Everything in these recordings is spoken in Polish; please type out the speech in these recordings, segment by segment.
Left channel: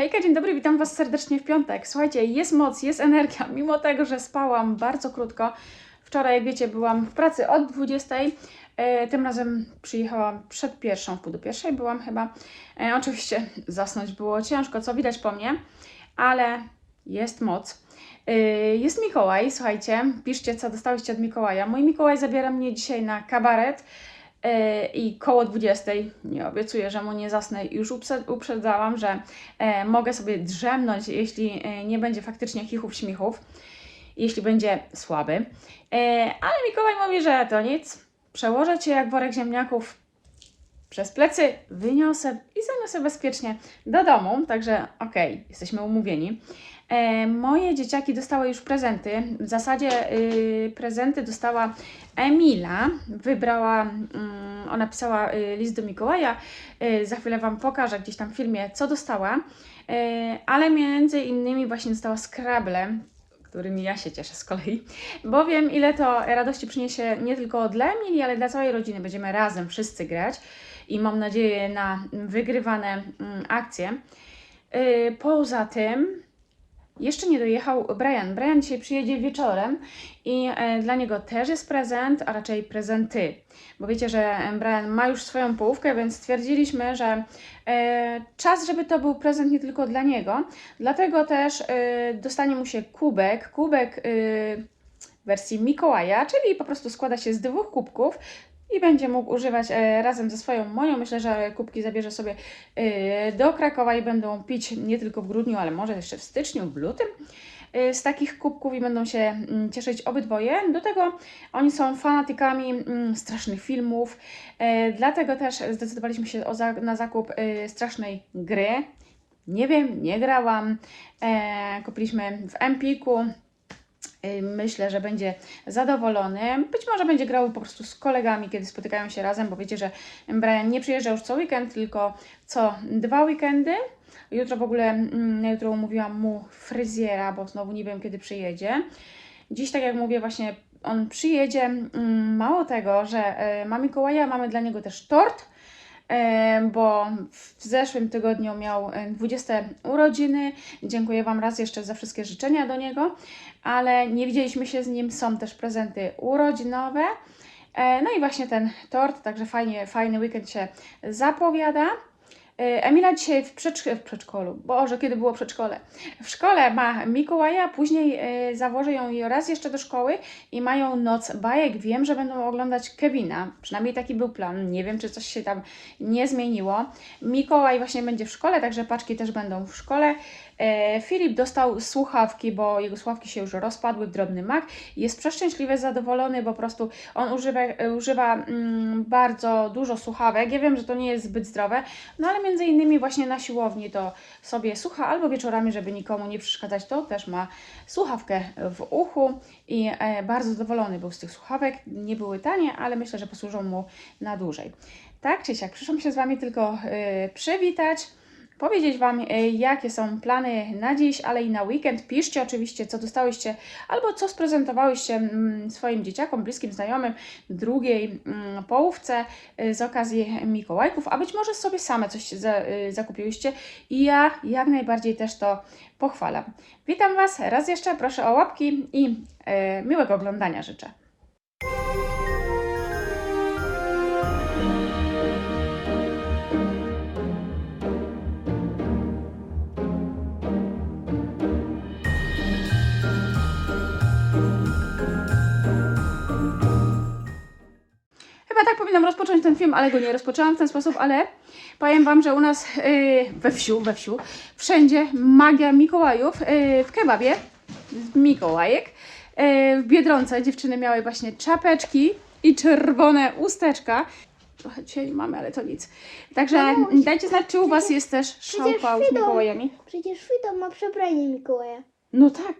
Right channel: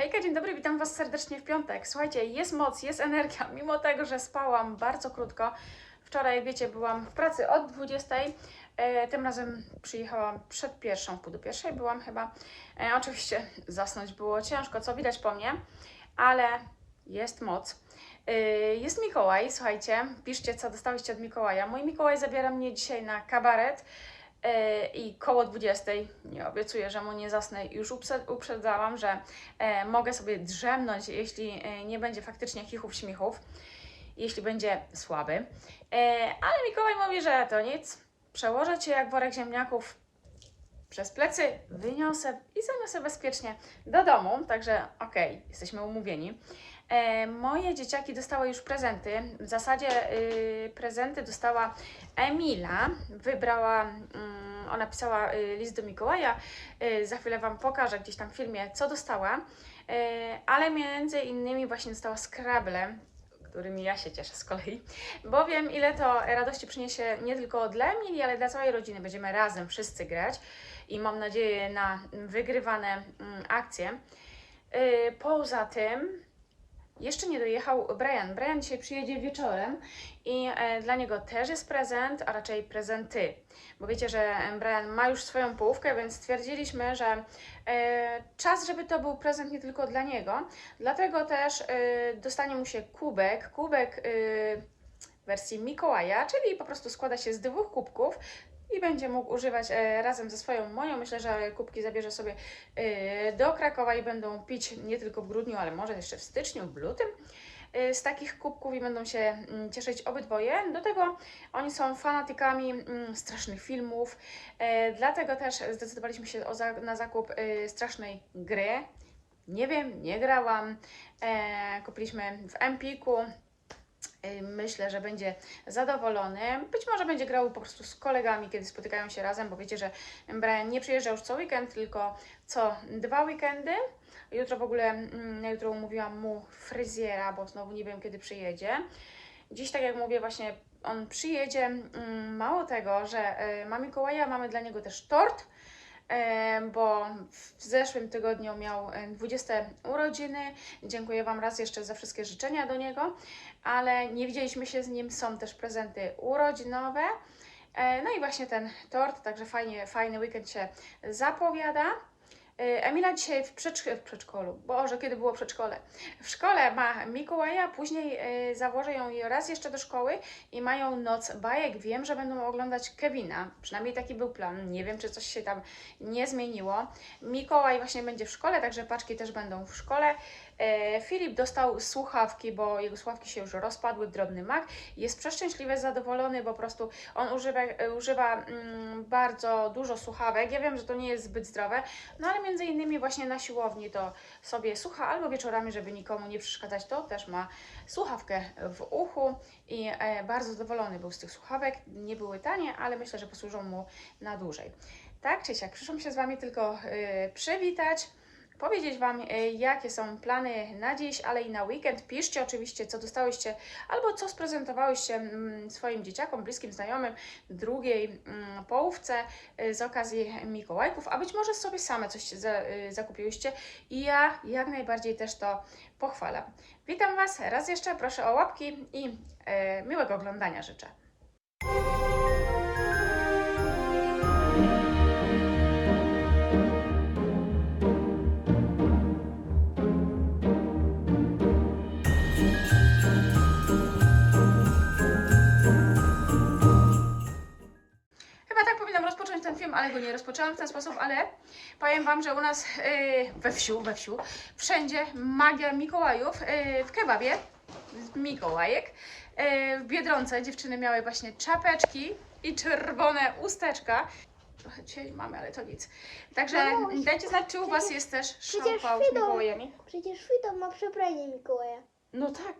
Hejka, dzień dobry, witam Was serdecznie w piątek. Słuchajcie, jest moc, jest energia, mimo tego, że spałam bardzo krótko. Wczoraj, jak wiecie, byłam w pracy od 20. E, tym razem przyjechałam przed pierwszą, pół do pierwszej byłam chyba. E, oczywiście zasnąć było ciężko, co widać po mnie, ale jest moc. E, jest Mikołaj, słuchajcie, piszcie, co dostałyście od Mikołaja. Mój Mikołaj zabiera mnie dzisiaj na kabaret. E, i koło 20. Nie obiecuję, że mu nie zasnę. Już uprzedzałam, że e, mogę sobie drzemnąć, jeśli e, nie będzie faktycznie chichów, śmichów, jeśli będzie słaby. Ale Mikołaj mówi, że to nic. Przełożę cię jak worek ziemniaków przez plecy, wyniosę i zaniosę bezpiecznie do domu. Także okej, jesteśmy umówieni. E, moje dzieciaki dostały już prezenty. W zasadzie y, prezenty dostała Emila. Wybrała, mm, ona pisała y, list do Mikołaja. Y, za chwilę Wam pokażę gdzieś tam w filmie, co dostała. Y, ale między innymi właśnie dostała Scrabble, którymi ja się cieszę z kolei, bo wiem, ile to radości przyniesie nie tylko dla Emilii, ale dla całej rodziny. Będziemy razem wszyscy grać i mam nadzieję na wygrywane mm, akcje. Y, Poza tym jeszcze nie dojechał Brian. Brian dzisiaj przyjedzie wieczorem i e, dla niego też jest prezent, a raczej prezenty. Bo wiecie, że e, Brian ma już swoją połówkę, więc stwierdziliśmy, że e, czas, żeby to był prezent nie tylko dla niego. Dlatego też dostanie mu się kubek. Kubek w wersji Mikołaja, czyli po prostu składa się z dwóch kubków i będzie mógł używać e, razem ze swoją moją. Myślę, że kubki zabierze sobie e, do Krakowa i będą pić nie tylko w grudniu, ale może jeszcze w styczniu, w lutym e, z takich kubków i będą się mm, cieszyć obydwoje. Do tego oni są fanatykami mm, strasznych filmów, dlatego też zdecydowaliśmy się na zakup strasznej gry. Nie wiem, nie grałam. Kupiliśmy w Empiku. Myślę, że będzie zadowolony. Być może będzie grał po prostu z kolegami, kiedy spotykają się razem, bo wiecie, że Brian nie przyjeżdża już co weekend, tylko co dwa weekendy. Jutro w ogóle, mm, jutro umówiłam mu fryzjera, bo znowu nie wiem, kiedy przyjedzie. Dziś, tak jak mówię, właśnie on przyjedzie. Mm, Mało tego, że e, ma Mikołaja, mamy dla niego też tort, bo w zeszłym tygodniu miał e, 20 urodziny. Dziękuję Wam raz jeszcze za wszystkie życzenia do niego, ale nie widzieliśmy się z nim. Są też prezenty urodzinowe. E, No i właśnie ten tort, także fajnie, fajny weekend się zapowiada. E, Emila dzisiaj w, przedszk- w przedszkolu, Boże, kiedy było przedszkole? W szkole ma Mikołaja, później e, zawożę ją raz jeszcze do szkoły i mają noc bajek. Wiem, że będą oglądać Kevina, przynajmniej taki był plan. Nie wiem, czy coś się tam nie zmieniło. Mikołaj właśnie będzie w szkole, także paczki też będą w szkole. E, Filip dostał słuchawki, bo jego słuchawki się już rozpadły, drobny mak. Jest przeszczęśliwy, zadowolony, bo po prostu on używa, używa mm, bardzo dużo słuchawek. Ja wiem, że to nie jest zbyt zdrowe, no ale między innymi właśnie na siłowni to sobie słucha, albo wieczorami, żeby nikomu nie przeszkadzać, to też ma słuchawkę w uchu i e, bardzo zadowolony był z tych słuchawek. Nie były tanie, ale myślę, że posłużą mu na dłużej. Tak czy siak, przyszłam się z Wami tylko e, przywitać powiedzieć Wam, e, jakie są plany na dziś, ale i na weekend. Piszcie oczywiście, co dostałyście albo co sprezentowałyście mm, swoim dzieciakom, bliskim znajomym drugiej mm, połówce e, z okazji Mikołajków, a być może sobie same coś e, zakupiłyście i ja jak najbardziej też to pochwalam. Witam Was raz jeszcze, proszę o łapki i miłego oglądania życzę. Chyba tak powinnam rozpocząć ten film, ale go nie rozpoczęłam w ten sposób, ale powiem Wam, że u nas yy, we wsiu, we wsiu, wszędzie magia Mikołajów yy, w kebabie, z Mikołajek. Yy, w Biedronce dziewczyny miały właśnie czapeczki i czerwone usteczka. Trochę dzisiaj mamy, ale to nic. Także Mamuś, dajcie znać, czy u Was jest też szałpał z Mikołajami. Przecież Fido ma przebranie Mikołaja. No tak,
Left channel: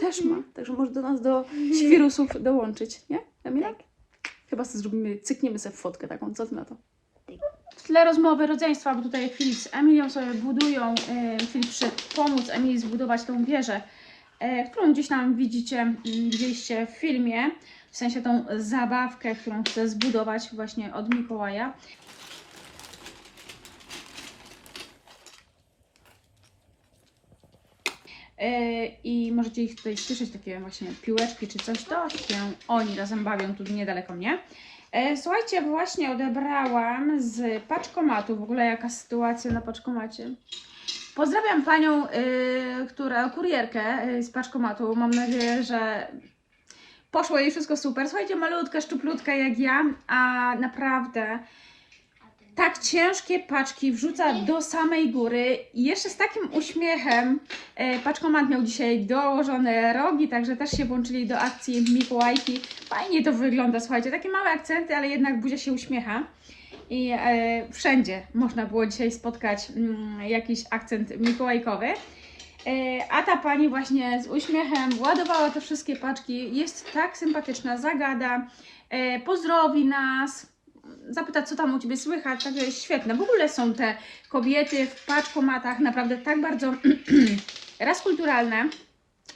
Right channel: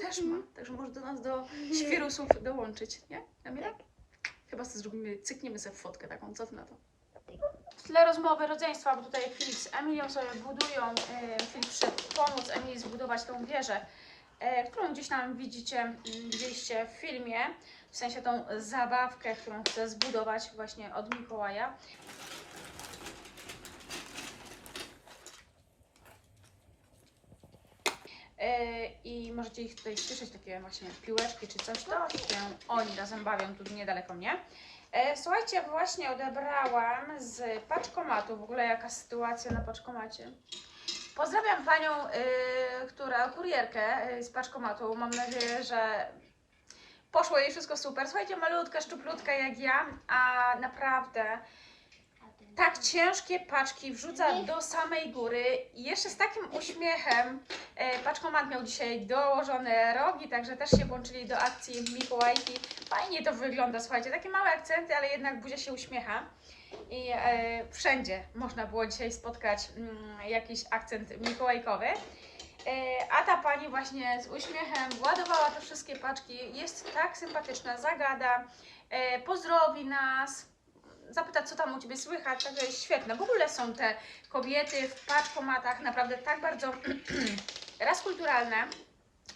też ma. Także może do nas do świrusów dołączyć, nie? Emila? Tak. Chyba sobie zrobimy, cykniemy sobie fotkę taką, co ty na to? W tle rozmowy rodzeństwa, bo tutaj Filip z Emilią sobie budują, e, Filip przyszedł pomóc Emilii zbudować tą wieżę, e, którą gdzieś tam widzicie, m, widzieliście w filmie, w sensie tą zabawkę, którą chce zbudować właśnie od Mikołaja. I możecie ich tutaj słyszeć, takie właśnie piłeczki czy coś, to się oni razem bawią tu niedaleko mnie. E, Słuchajcie, właśnie odebrałam z paczkomatu, w ogóle jaka sytuacja na paczkomacie. Pozdrawiam panią, y, która, kurierkę z paczkomatu. Mam nadzieję, że poszło jej wszystko super. Słuchajcie, malutka, szczuplutka jak ja, a naprawdę tak ciężkie paczki wrzuca do samej góry i jeszcze z takim uśmiechem. E, Paczkomat miał dzisiaj dołożone rogi, także też się włączyli do akcji Mikołajki. Fajnie to wygląda, słuchajcie, takie małe akcenty, ale jednak buzia się uśmiecha. I e, wszędzie można było dzisiaj spotkać mm, jakiś akcent mikołajkowy. E, a ta pani właśnie z uśmiechem ładowała te wszystkie paczki. Jest tak sympatyczna, zagada, e, pozdrowi nas, zapyta, co tam u ciebie słychać. Także jest świetne. W ogóle są te kobiety w paczkomatach naprawdę tak bardzo raz kulturalne.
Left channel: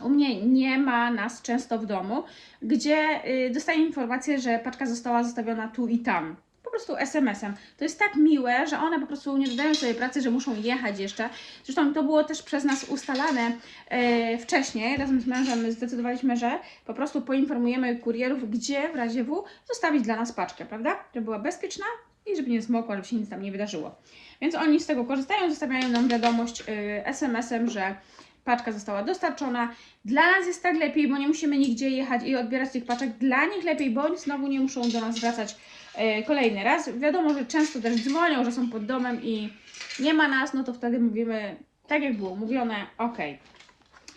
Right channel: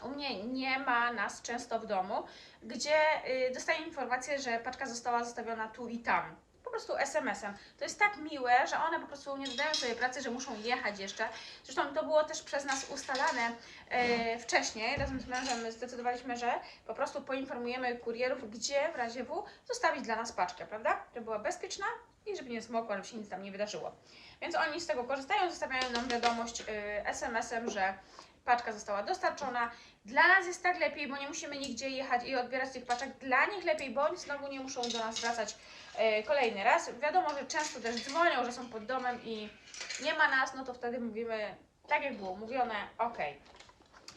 U mnie nie ma nas często w domu, gdzie y, dostaję informację, że paczka została zostawiona tu i tam. Prostu SMS-em. To jest tak miłe, że one po prostu nie dodają sobie pracy, że muszą jechać jeszcze. Zresztą to było też przez nas ustalane e, wcześniej. Razem z mężem zdecydowaliśmy, że po prostu poinformujemy kurierów, gdzie w razie W zostawić dla nas paczkę, prawda? Żeby była bezpieczna i żeby nie zmokła, żeby się nic tam nie wydarzyło. Więc oni z tego korzystają, zostawiają nam wiadomość e, SMS-em, że paczka została dostarczona. Dla nas jest tak lepiej, bo nie musimy nigdzie jechać i odbierać tych paczek. Dla nich lepiej, bo oni znowu nie muszą do nas wracać e, kolejny raz. Wiadomo, że często też dzwonią, że są pod domem i nie ma nas, no to wtedy mówimy tak jak było mówione, ok.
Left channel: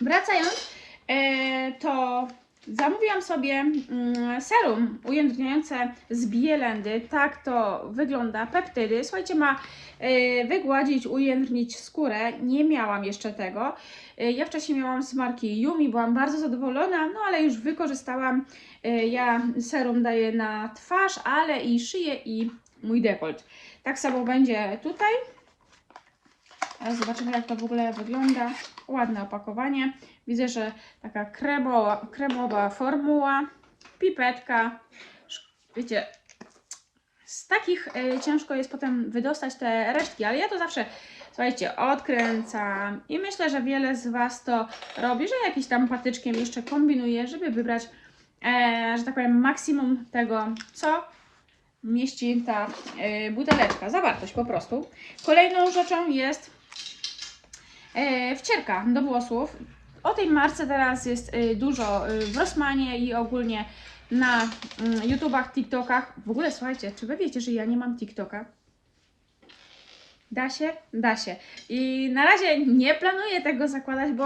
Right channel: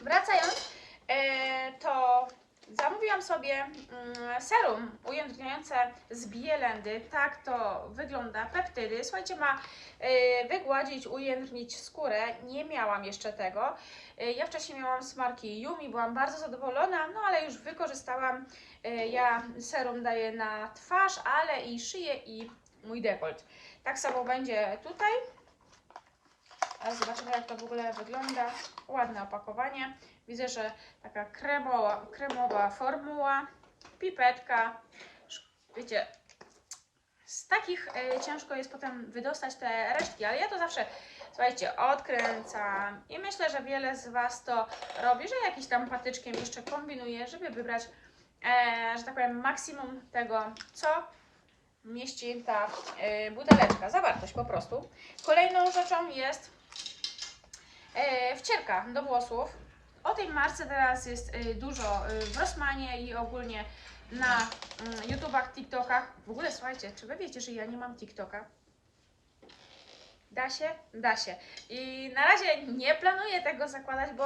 Wracając, e, to zamówiłam sobie mm, serum ujędrniające z bielendy. Tak to wygląda. Peptydy. Słuchajcie, ma e, wygładzić, ujędrnić skórę. Nie miałam jeszcze tego. E, Ja wcześniej miałam z marki Yumi, byłam bardzo zadowolona, no ale już wykorzystałam. E, Ja serum daję na twarz, ale i szyję i mój dekolt. Tak samo będzie tutaj. Zobaczymy, jak to w ogóle wygląda. Ładne opakowanie. Widzę, że taka kremowa, kremowa formuła, pipetka. Wiecie, z takich y, ciężko jest potem wydostać te resztki, ale ja to zawsze, słuchajcie, odkręcam i myślę, że wiele z Was to robi, że jakiś tam patyczkiem jeszcze kombinuje, żeby wybrać, e, że tak powiem, maksimum tego, co mieści ta e, buteleczka, zawartość po prostu. Kolejną rzeczą jest wcierka do włosów. O tej marce teraz jest e, dużo e, w Rossmanie i ogólnie na mm, YouTubach, TikTokach. W ogóle słuchajcie, czy wy wiecie, że ja nie mam TikToka? Da się? Da się. I na razie nie planuję tego zakładać, bo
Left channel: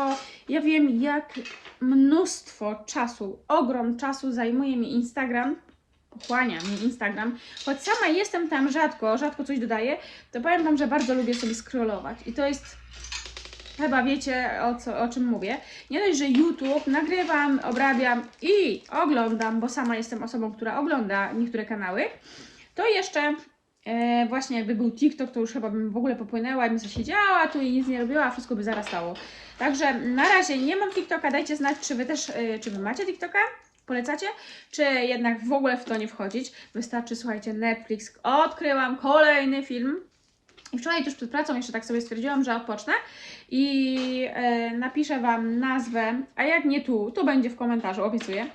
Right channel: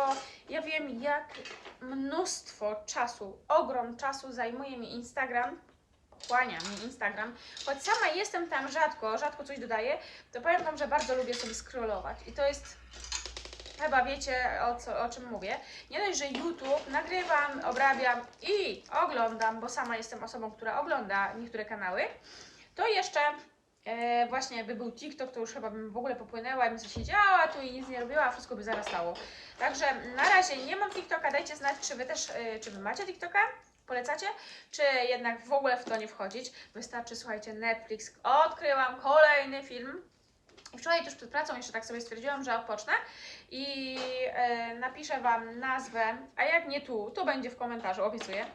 ja wiem, jak mnóstwo czasu, ogrom czasu zajmuje mi Instagram. Pochłania mi Instagram. Choć sama jestem tam rzadko, rzadko coś dodaję, to powiem Wam, że bardzo lubię sobie scrollować. I to jest Chyba wiecie o, co, o czym mówię. Nie dość, że YouTube nagrywam, obrabiam i oglądam, bo sama jestem osobą, która ogląda niektóre kanały, to jeszcze e, właśnie jakby był TikTok, to już chyba bym w ogóle popłynęła i bym sobie siedziała tu i nic nie robiła, a wszystko by zarastało. Także na razie nie mam TikToka, dajcie znać, czy Wy też, e, czy Wy macie TikToka? Polecacie? Czy jednak w ogóle w to nie wchodzić? Wystarczy, słuchajcie, Netflix. Odkryłam kolejny film. I wczoraj tuż przed pracą jeszcze tak sobie stwierdziłam, że odpocznę i e, napiszę Wam nazwę, a jak nie tu, to będzie w komentarzu, obiecuję.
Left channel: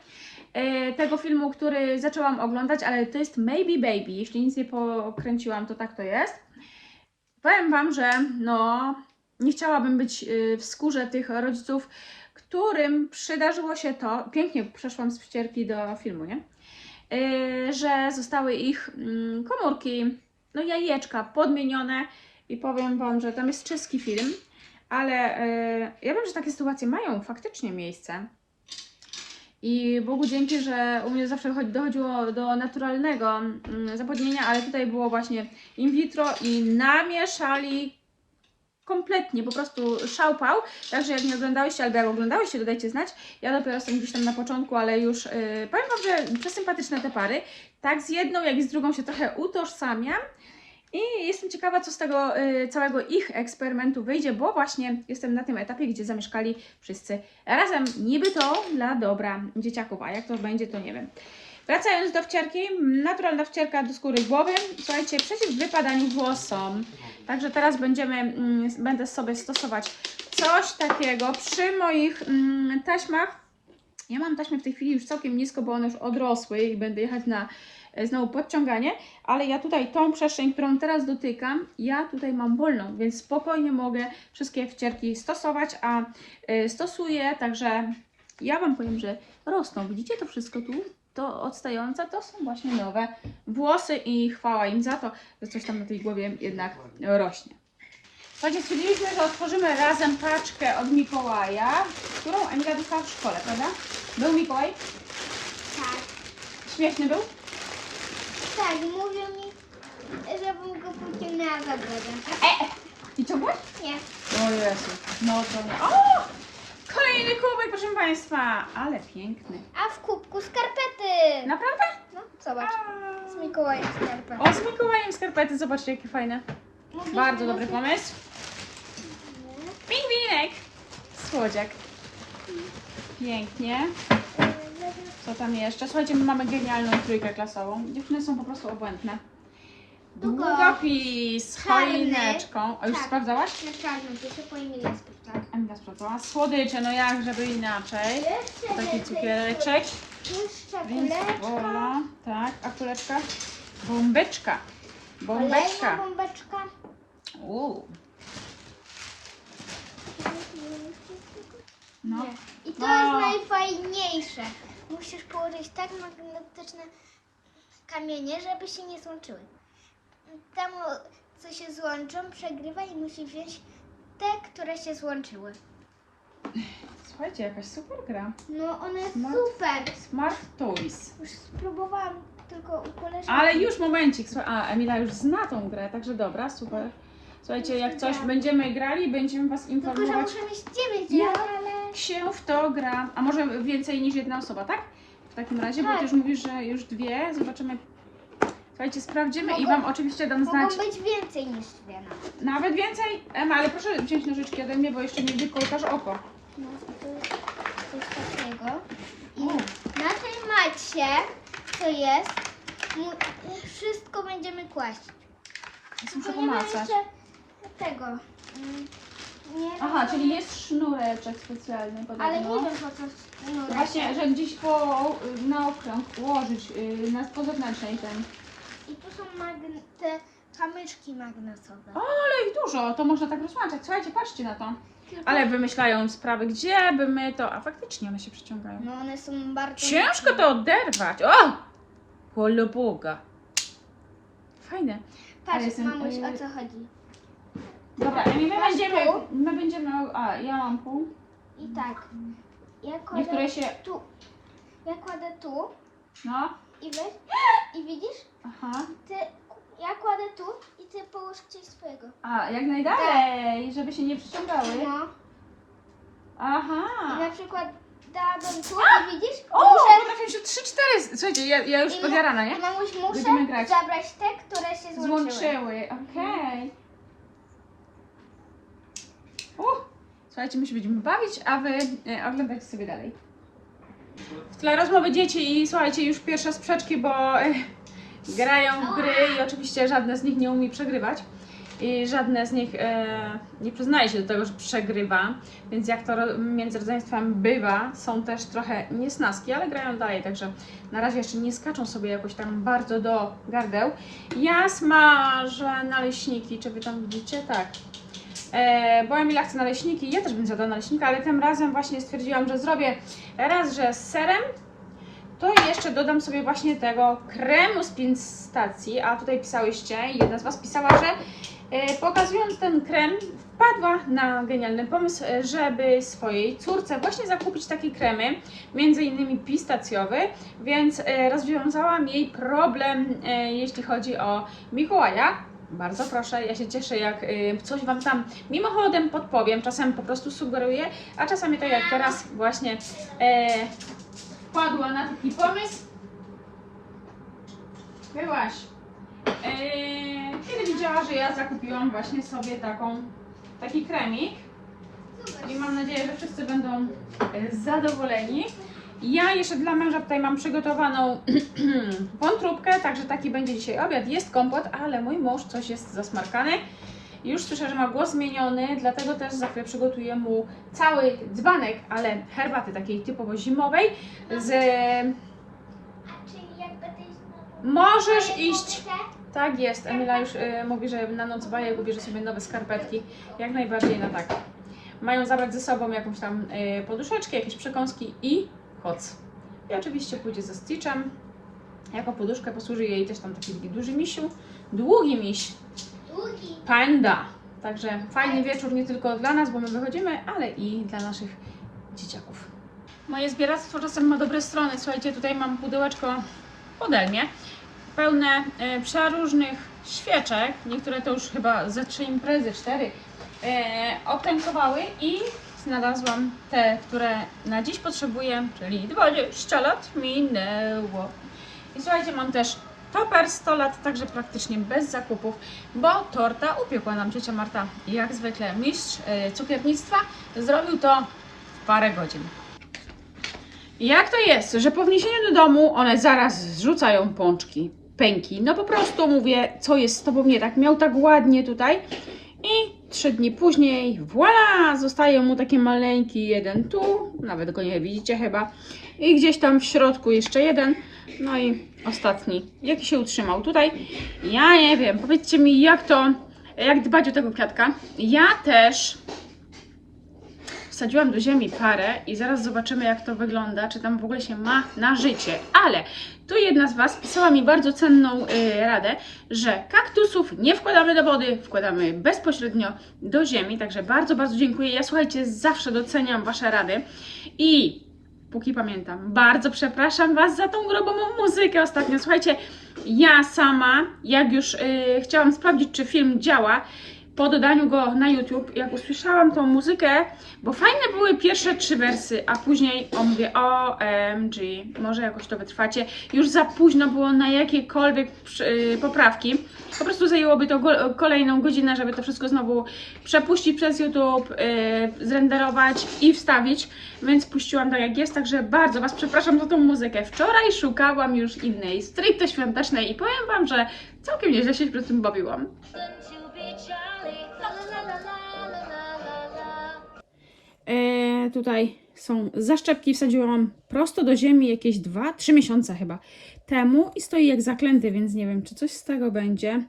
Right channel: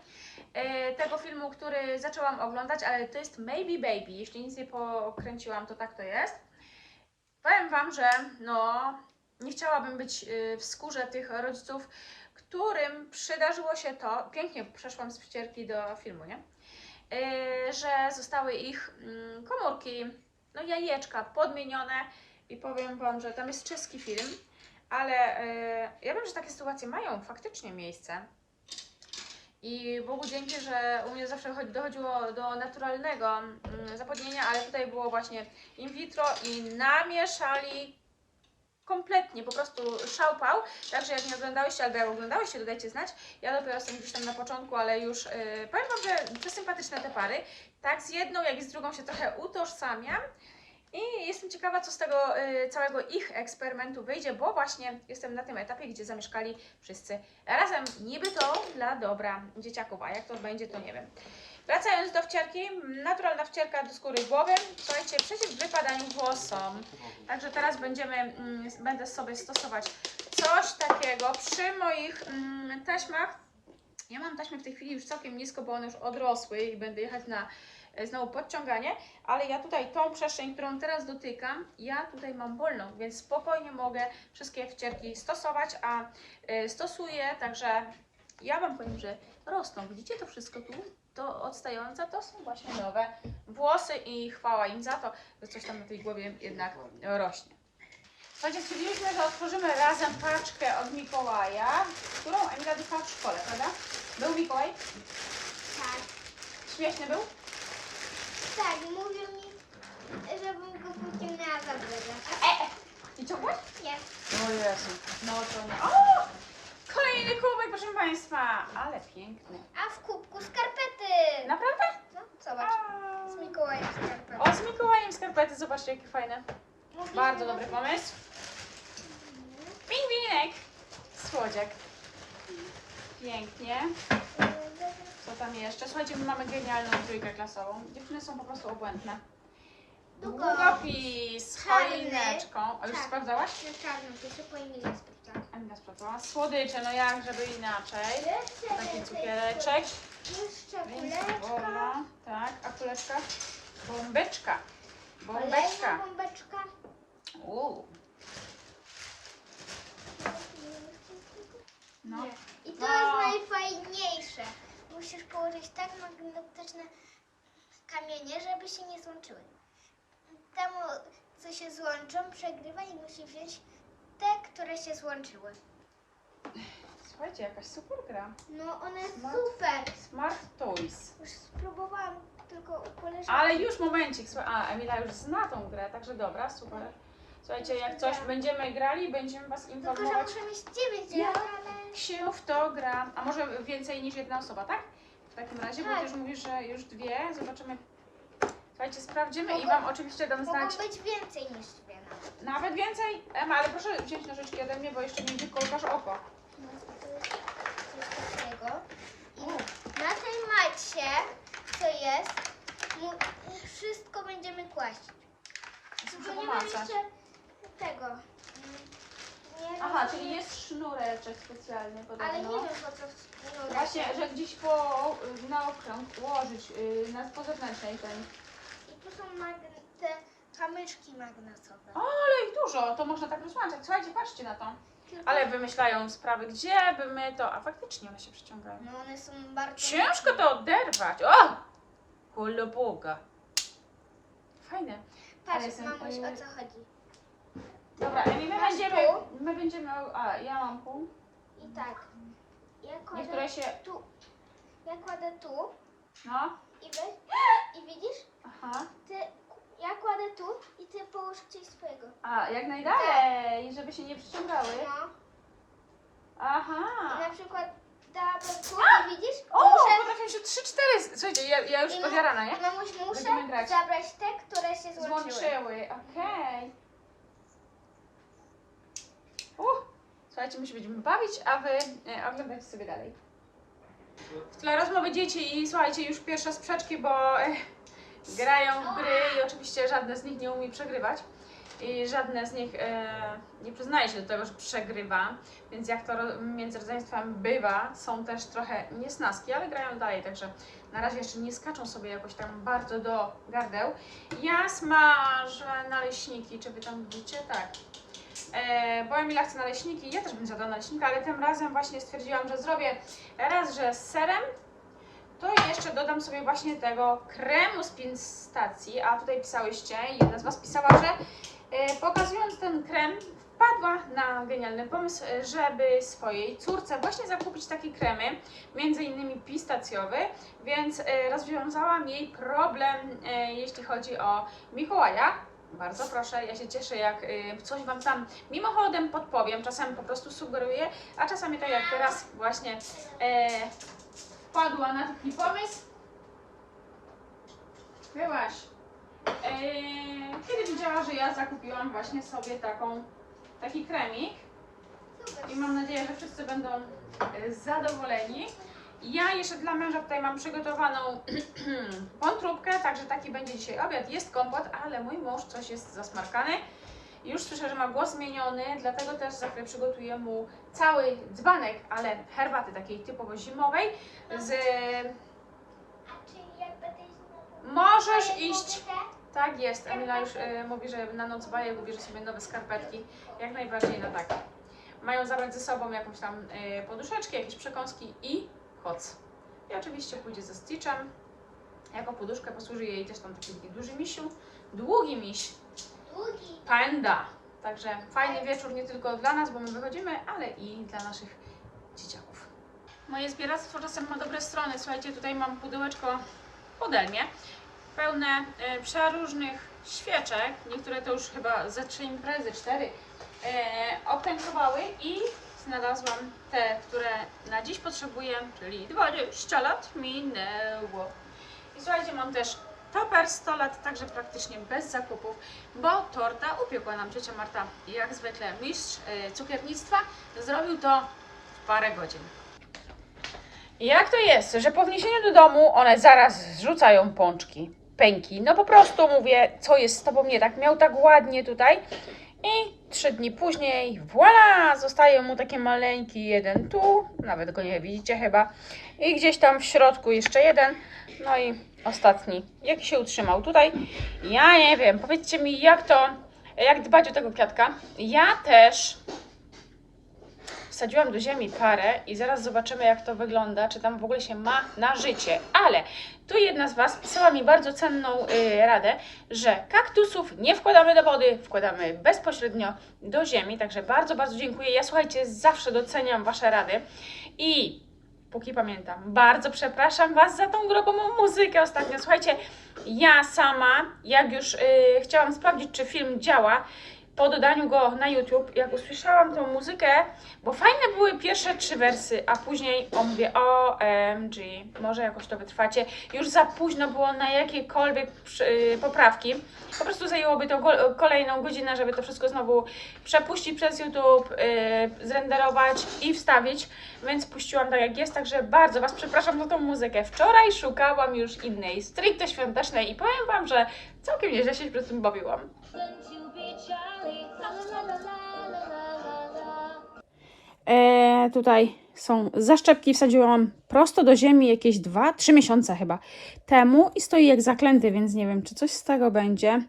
E, tego filmu, który zaczęłam oglądać, ale to jest Maybe Baby. Jeśli nic nie pokręciłam, to tak to jest. Powiem Wam, że no, nie chciałabym być y, w skórze tych rodziców, którym przydarzyło się to. Pięknie przeszłam z wcierki do filmu, nie? Y, że zostały ich mm, komórki, no jajeczka podmienione i powiem Wam, że tam jest czeski film, ale y, ja wiem, że takie sytuacje mają faktycznie miejsce. I Bogu dzięki, że u mnie zawsze chodzi- dochodziło do naturalnego mm, zapłodnienia, ale tutaj było właśnie in vitro i namieszali kompletnie, po prostu szałpał. Także jak nie oglądałyście, albo jak oglądałyście, dodajcie znać. Ja dopiero jestem gdzieś tam na początku, ale już yy, powiem Wam, że przesympatyczne te pary. Tak z jedną, jak i z drugą się trochę utożsamiam. I jestem ciekawa, co z tego y, całego ich eksperymentu wyjdzie, bo właśnie jestem na tym etapie, gdzie zamieszkali wszyscy razem. Niby to dla dobra dzieciaków, a jak to będzie, to nie wiem. Wracając do wcierki, naturalna wcierka do skóry głowy. Słuchajcie, przeciw wypadaniu włosom. Także teraz będziemy, mm, będę sobie stosować coś takiego przy moich mm, taśmach. Ja mam taśmy w tej chwili już całkiem nisko, bo one już odrosły i będę jechać na e, znowu podciąganie, ale ja tutaj tą przestrzeń, którą teraz dotykam, ja tutaj mam wolną, więc spokojnie mogę wszystkie wcierki stosować, a y, stosuję, także ja Wam powiem, że rosną. Widzicie to wszystko tu? To odstające to są właśnie nowe włosy i chwała im za to, że coś tam na tej głowie jednak rośnie. Słuchajcie, stwierdziliśmy, że otworzymy razem paczkę od Mikołaja, którą Emila dostała w szkole, prawda? Był Mikołaj? Tak. Śmieszny był? Tak, mówią mi, żebym go pociągnęła za drogę. I ciągłeś? Nie. O Jezu, no to nie. O! Kolejny kubek, proszę Państwa, ale piękny. A w kubku skarpety. Naprawdę? No, zobacz. Z Mikołajem skarpety. O, z Mikołajem skarpety, zobaczcie jakie fajne. Bardzo dobry pomysł. Pingwinek! Słodziak. Pięknie. Co tam jeszcze? Słuchajcie, my mamy genialną trójkę klasową. Dziewczyny są po prostu obłędne. Długo. Długopis z Czarny. choineczką. A już Tak. sprawdzałaś? Na czarnym, to się powinien sprawdzać. Emila sprawdzała. Słodycze, no jak żeby inaczej. Taki cukiereczek. Jeszcze Więc kuleczka. wola. Tak, a kuleczka? Bombeczka. Bombeczka. Kolejna bombeczka. Uuu. No. I to No. jest najfajniejsze. Musisz położyć tak magnetyczne kamienie, żeby się nie złączyły. Temu, co się złączą, przegrywa i musi wziąć te, które się złączyły. Słuchajcie, jakaś super gra. No, one jest Smart. super. Smart Toys. Już spróbowałam tylko u koleżanki. Ale już momencik. Słuchaj, a Emila już zna tą grę, także dobra, super. Słuchajcie, jak coś będziemy grali, będziemy Was Tylko, że informować, muszę mieć dziewięć, Ja. ale... się w to gra. A może więcej niż jedna osoba, tak? W takim razie, bo Tak. Ty już mówisz, że już dwie. Zobaczymy. Słuchajcie, sprawdzimy i Wam oczywiście dam znać. Mogą być więcej niż dwie nawet. Nawet więcej? Ema, ale proszę wziąć nożyczki ode mnie, bo jeszcze mi wykolkasz oko. No, to jest coś takiego. I na tej macie, co jest, mu- wszystko będziemy kłaść. Muszę nie pomacać. jeszcze tego. mm, Nie, Aha, czyli jest sznureczek specjalny podobno. Ale nie wiem po co Właśnie, że gdzieś po, na okrąg ułożyć y, na po zewnętrznej ten. I tu są magne- te kamyczki magnetowe. O, ale ich dużo, to można tak rozłączać. Słuchajcie, patrzcie na to. Ale wymyślają sprawy, gdzie by my to. A faktycznie one się przyciągają. No one są bardzo... Ciężko to oderwać. O! Holo Boga. Fajne. ale Patrz, jestem- mamuś, o co chodzi. Dobra, Emi, my Masz będziemy. pół? My będziemy. A, ja mam pół. I tak. Ja kładę Niektóre się. tu. Ja kładę tu No. I weź. I widzisz? Aha. Ty, ja kładę tu i ty połóż gdzieś swojego. A, jak najdalej, żeby się nie przyciągały. No. Aha. I na przykład dałabym tu i widzisz? O, potrafię się trzy, cztery. Słuchajcie, ja, ja już I podjarana, nie? mamuś, Będziemy muszę grać. zabrać te, które się złączyły. Złączyły, okej. Słuchajcie, my się będziemy bawić, a wy e, oglądajcie sobie dalej. W tle rozmowy dzieci i słuchajcie, już pierwsze sprzeczki, bo e, grają w gry i oczywiście żadne z nich nie umie przegrywać. I żadne z nich e, nie przyznaje się do tego, że przegrywa, więc jak to ro- między rodzeństwem bywa, są też trochę niesnaski, ale grają dalej, także na razie jeszcze nie skaczą sobie jakoś tam bardzo do gardeł. Ja smażę naleśniki, czy wy tam widzicie? Tak. E, bo Emila chce naleśniki, ja też bym zjadła naleśnika, ale tym razem właśnie stwierdziłam, że zrobię raz, że z serem, to jeszcze dodam sobie właśnie tego kremu z pistacji, a tutaj pisałyście, jedna z Was pisała, że e, pokazując ten krem wpadła na genialny pomysł, e, żeby swojej córce właśnie zakupić takie kremy, między innymi pistacjowy, więc e, rozwiązałam jej problem, e, jeśli chodzi o Mikołaja. Bardzo proszę, ja się cieszę, jak y, coś Wam tam mimochodem podpowiem. Czasem po prostu sugeruję, a czasami tak jak teraz właśnie e, wpadła na taki pomysł. Byłaś. E, kiedy widziała, że ja zakupiłam właśnie sobie taką, taki kremik i mam nadzieję, że wszyscy będą e, zadowoleni. Ja jeszcze dla męża tutaj mam przygotowaną wątróbkę, także taki będzie dzisiaj obiad. Jest kompot, ale mój mąż coś jest zasmarkany Już słyszę, że ma głos zmieniony, dlatego też za chwilę przygotuję mu cały dzbanek, ale herbaty takiej typowo zimowej z... Możesz iść! Tak jest, Emila już y, mówi, że na noc bajek ubierze sobie nowe skarpetki. Jak najbardziej na tak. Mają zabrać ze sobą jakąś tam y, poduszeczkę, jakieś przekąski i koc. I oczywiście pójdzie ze Stitchem. Jako poduszkę posłuży jej też tam taki duży misiu. Długi miś. Długi. Panda. Także fajny wieczór nie tylko dla nas, bo my wychodzimy, ale i dla naszych dzieciaków. Moje zbieractwo czasem ma dobre strony. Słuchajcie, tutaj mam pudełeczko ode mnie, pełne e, przeróżnych świeczek. Niektóre to już chyba ze trzy imprezy, cztery, e, obtękowały i znalazłam te, które na dziś potrzebuję, czyli 20 lat minęło. I słuchajcie, mam też Toper 100 lat, także praktycznie bez zakupów, bo torta upiekła nam ciocia Marta, jak zwykle mistrz e, cukiernictwa, zrobił to w parę godzin. Jak to jest, że po wniesieniu do domu one zaraz zrzucają pączki, pęki? No po prostu mówię, co jest z tobą nie tak? Miał tak ładnie tutaj i trzy dni później, voilà, zostaje mu taki maleńki jeden tu, nawet go nie widzicie chyba, i gdzieś tam w środku jeszcze jeden, no i ostatni, jaki się utrzymał tutaj. Ja nie wiem, powiedzcie mi jak to, jak dbać o tego kwiatka. Ja też wsadziłam do ziemi parę i zaraz zobaczymy jak to wygląda, czy tam w ogóle się ma na życie. Ale tu jedna z Was pisała mi bardzo cenną y, radę, że kaktusów nie wkładamy do wody, wkładamy bezpośrednio do ziemi, także bardzo, bardzo dziękuję. Ja słuchajcie, zawsze doceniam Wasze rady i póki pamiętam, bardzo przepraszam Was za tą grobową muzykę ostatnio. Słuchajcie, ja sama, jak już y, chciałam sprawdzić, czy film działa, po dodaniu go na YouTube, jak usłyszałam tą muzykę, bo fajne były pierwsze trzy wersy, a później o mówię OMG, może jakoś to wytrwacie. Już za późno było na jakiekolwiek y, poprawki. Po prostu zajęłoby to kolejną godzinę, żeby to wszystko znowu przepuścić przez YouTube, y, zrenderować i wstawić, więc puściłam tak jak jest, także bardzo Was przepraszam za tą muzykę. Wczoraj szukałam już innej, stricte świątecznej i powiem Wam, że całkiem nieźle się przy tym bawiłam. E, tutaj są zaszczepki, wsadziłam prosto do ziemi jakieś 2-3 miesiące chyba temu i stoi jak zaklęty, więc nie wiem, czy coś z tego będzie.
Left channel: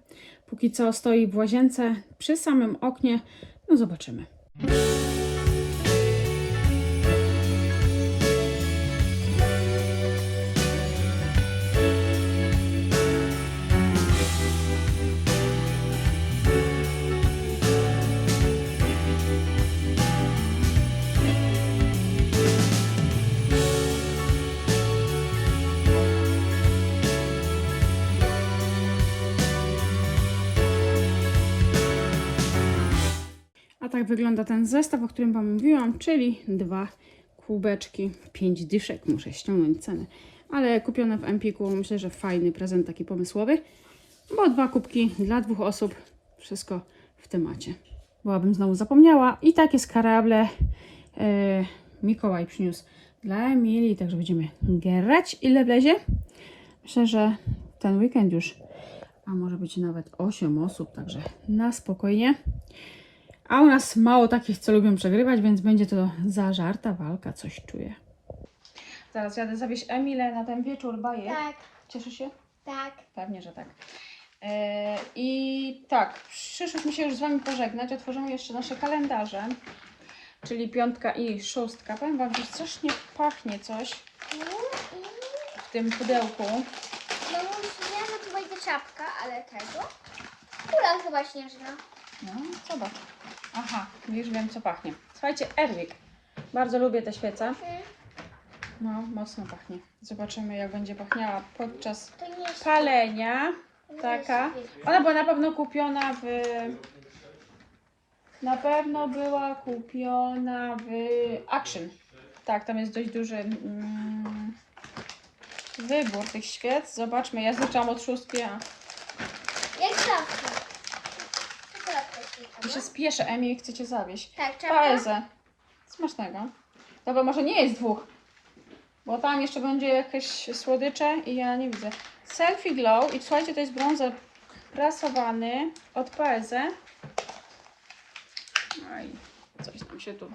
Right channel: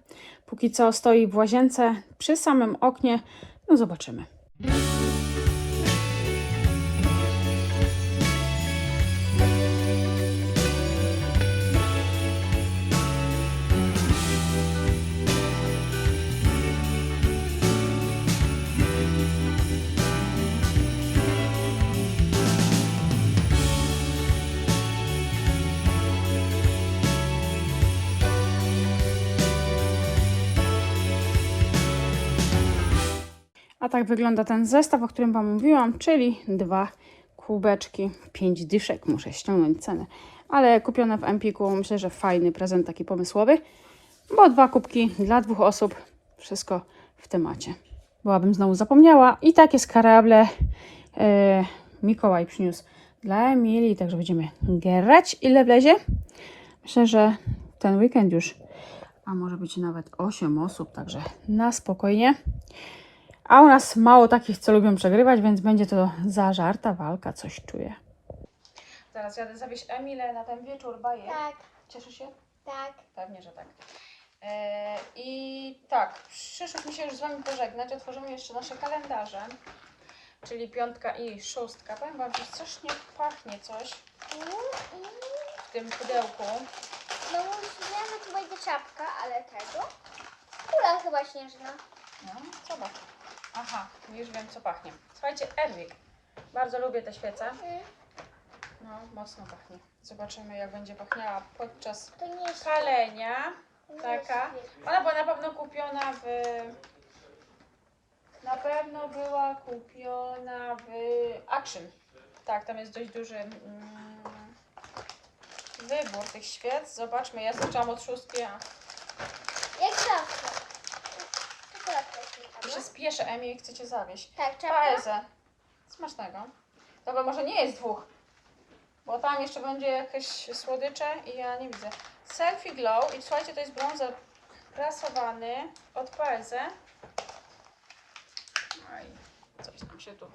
Póki co stoi w łazience przy samym oknie. No zobaczymy. Tak wygląda ten zestaw, o którym Wam mówiłam, czyli dwa kubeczki, pięć dyszek. Muszę ściągnąć cenę. Ale kupione w Empiku, myślę, że fajny prezent taki pomysłowy, bo dwa kubki dla dwóch osób, wszystko w temacie. Byłabym znowu zapomniała i takie skarable e, Mikołaj przyniósł dla Emilii, także będziemy grać ile wlezie. Myślę, że ten weekend już, a może być nawet 8 osób, także na spokojnie. A u nas mało takich, co lubią przegrywać, więc będzie to zażarta walka, coś czuję. Zaraz jadę zawieźć Emilę na ten wieczór bajek. Tak, Cieszy się? tak. Pewnie, że tak. E, I tak, przyszłyśmy się już z Wami pożegnać. Otworzymy jeszcze nasze kalendarze, czyli piątka i szóstka. Powiem Wam, że strasznie pachnie coś w tym pudełku. No nie, że tu będzie czapka, ale tego. Kula chyba śnieżna. No, zobacz. Aha, już wiem, co pachnie. Słuchajcie, Erwik. Bardzo lubię te świece. No, mocno pachnie. Zobaczymy, jak będzie pachniała podczas palenia. Taka. Ona była na pewno kupiona w. Na pewno była kupiona w Action. Tak, tam jest dość duży mm, wybór tych świec. Zobaczmy, ja zaczęłam od szóstki, a Jak zawsze. Tu się spieszę, Emi, chcę cię zawieść. Tak, czapka. Paezę. Smacznego. Dobra, może nie jest dwóch. Bo tam jeszcze będzie jakieś słodycze i ja nie widzę. Selfie Glow i słuchajcie, to jest brązer prasowany od Paezę. Aj, coś tam się tu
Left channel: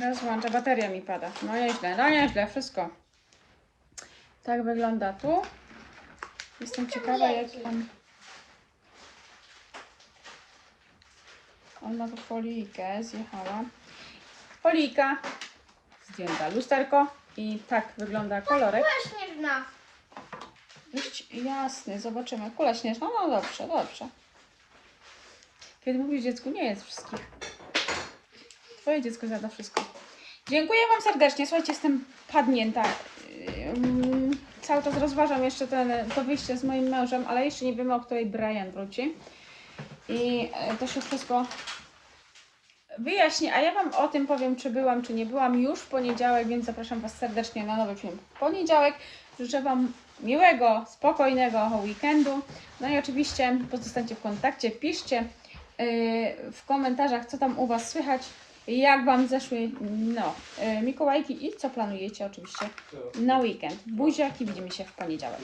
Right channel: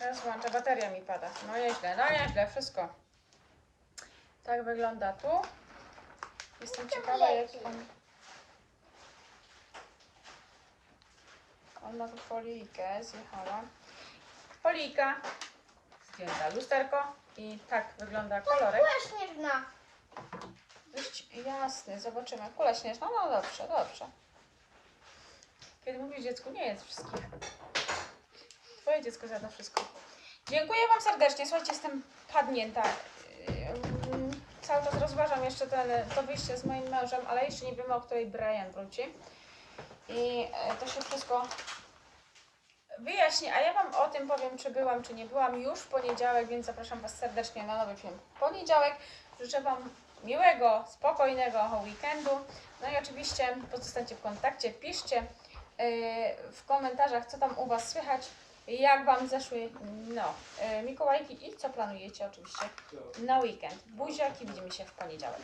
rozłącza. Bateria mi pada. No nieźle, no nieźle, wszystko. Tak wygląda tu. Jestem ciekawa, jak on... On ma tu folijkę, zjechała. Folijka, zdjęta lusterko i tak wygląda kolorek. Kula śnieżna. Dość jasny, zobaczymy. Kula śnieżna, no dobrze, dobrze. Kiedy mówisz dziecku, nie jest wszystkich. Twoje dziecko zjada wszystko. Dziękuję Wam serdecznie. Słuchajcie, jestem padnięta. Cały czas rozważam jeszcze ten, to wyjście z moim mężem, ale jeszcze nie wiemy, o której Brian wróci. I e, to się wszystko wyjaśni. A ja Wam o tym powiem, czy byłam, czy nie byłam już w poniedziałek, więc zapraszam Was serdecznie na nowy film w poniedziałek. Życzę Wam miłego, spokojnego weekendu. No i oczywiście pozostańcie w kontakcie, piszcie yy, w komentarzach, co tam u Was słychać, jak Wam zeszły no, yy, Mikołajki i co planujecie oczywiście na weekend. Buziaki, widzimy się w poniedziałek.